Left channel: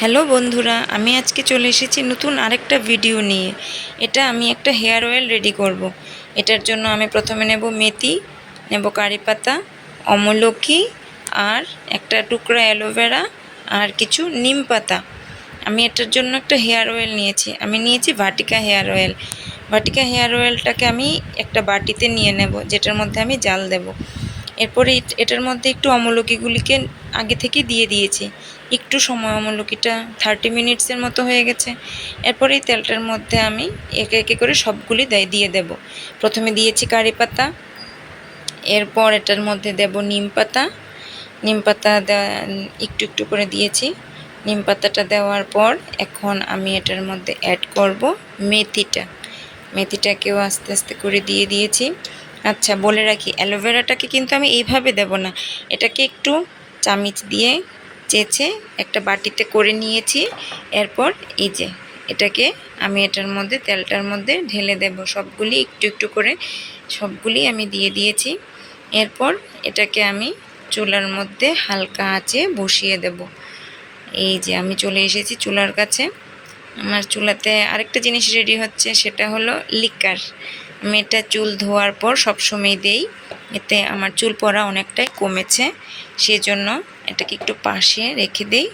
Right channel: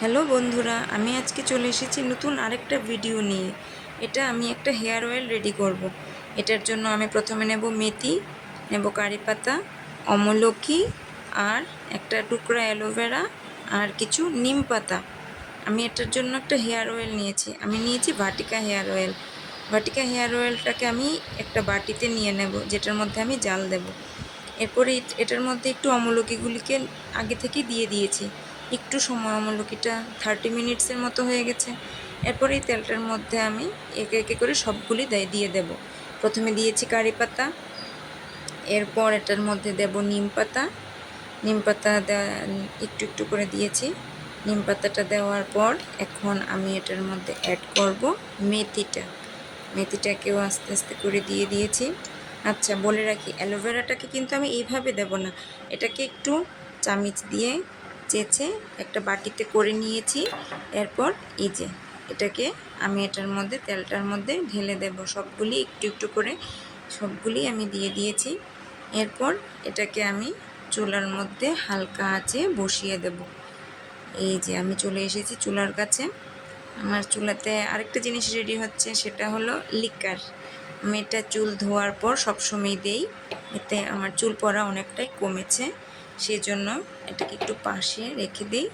Hello বন্ধুরা, আমি আজকে চলে এসেছি নতুন আরেকটা ভিডিও নিয়ে। এটা আমি একটা হেয়ার অয়েল রেডি করব। এটার জন্য আমি প্রথমে নেব মেথি, নেব কারি পাতা, অমলকি আর একটা টুকরা অ্যালোভেরা আর কিছু নিম পাতা। আমি এটার জন্য একটা হেয়ার অয়েল নিয়েছি। আমি নিয়েছি Vatika hair oil. Vatika hair অয়েলটাকে আমি একটা বাটিতে নিয়ে নেব, যেটার মধ্যে আমি জাল দেব। এরপরে এটার মধ্যে একটু অমলকিগুলিকে আগে থেকে দিয়ে দিয়েছি। একটু সময় অমলকিটা 30 মিনিটসের মতো হয়ে গেছে। এরপরে এই তেলটার মধ্যে আমি একে একে করে সবগুলি দিয়ে দেব। প্রথমে দিয়েছি কারি পাতা, এরপর এটার মধ্যে দেব নিম পাতা। নিম পাতা একটু একটু করে দিয়েছি। নিম পাতাটা দেওয়ার পর এখন আমি এটার মধ্যে অ্যাড করব মেথিটা। মেথিটাকেও আস্তে আস্তে করে দিয়ে দিয়েছি। আচ্ছা, বলে রাখি, অ্যালোভেরাটাকে কিন্তু আমি এইভাবে দেব না, এটাকে একটু চামিচ দিয়ে চেঁচে একটা বাটিতে করে নিয়েছি। এরপর এই যে এটাকে আমি এটার মধ্যে তেলটার মধ্যে ঢেলে দেব। সবগুলি একটু একটু করে সবগুলি আমি দিয়ে দিয়েছি। এরপর এটাকে আমি চুলার মধ্যে হালকা আঁচে বসিয়ে দেব। এই যে আমি চলে এসেছি চুলার কাছে। আমার চুলাতে আরেকটা জিনিস রেডি হচ্ছে, সেটা হলো লিকার। আমি এটা চুল ধোয়ার পর সবসময় দেই, এতে আমার চুল পড়া অনেকটাই কমেছে। সেজন্য এটাকে একটু পাশে রেখে দেই।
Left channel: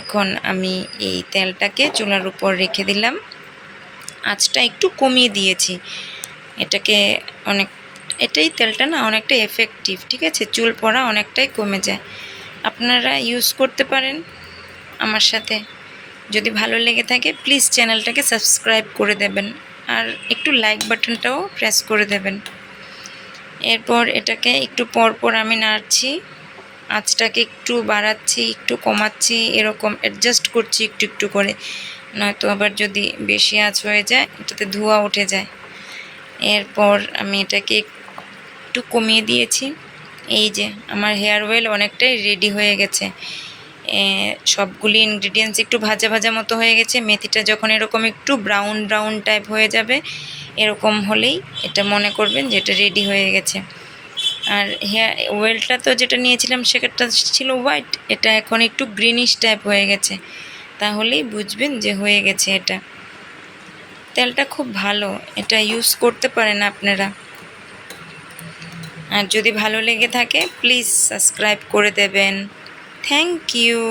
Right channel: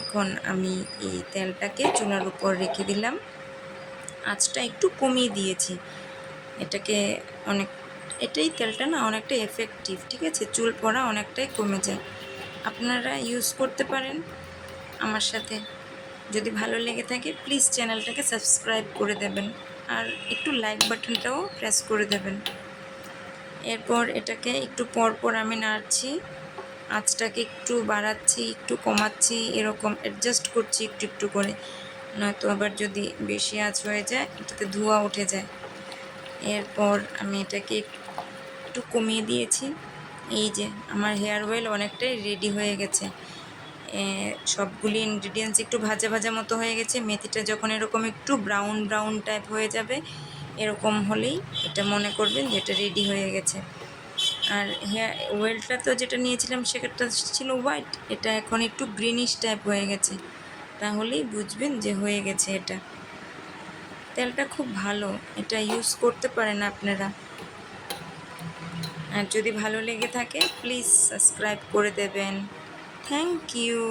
এখন আমি এই তেলটাকে চুলার উপর রেখে দিলাম, আঁচটা একটু কমিয়ে দিয়েছি। এটাকে অনেক এটাই তেলটা না অনেকটা এফেক্টিভ, ঠিক আছে, চুল পড়া অনেকটাই কমে যায়। আপনারা ইউজ করতে পারেন আমার সাথে। যদি ভালো লেগে থাকে প্লিজ চ্যানেলটাকে সাবস্ক্রাইব করে দেবেন আর একটু লাইক বাটনটাও প্রেস করে দেবেন। এরপর এটাকে একটু পর পর আমি নাড়ছি, আঁচটাকে একটু বাড়াচ্ছি, একটু কমাচ্ছি, এরকম অ্যাডজাস্ট করছি একটু একটু করে, নয়তো আবার যদি বেশি আঁচ হয়ে যায় এটাতে ধোঁয়া উঠে যায়। এরপর আমি এটাকে একটু কমিয়ে দিয়েছি। এই যে আমার হেয়ার অয়েল অনেকটাই রেডি হয়ে গেছে। সবগুলি ইনগ্রিডিয়েন্টস একটু ভাজা ভাজা মতো হয়ে গেছে। মেথিটা যখন এরকম একটু ব্রাউন ব্রাউন টাইপ হয়ে যাবে, এরকম হলেই এটা মনে করবেন যে এটা রেডি হয়ে গেছে। আর হেয়ার অয়েলটা তো যেটা নিয়েছিলাম সেটা ছিল হোয়াইট, এটা এখন একটু গ্রিনিশ টাইপ হয়ে গেছে, তাহলেই বুঝবেন যে হয়ে গেছে এটা। তেলটা খুব ভালো, এটা ইউজ করতে পারেন আপনারা। আর যদি ভালো লেগে থাকে প্লিজ সাবস্ক্রাইব করে দেবেন। Thank you.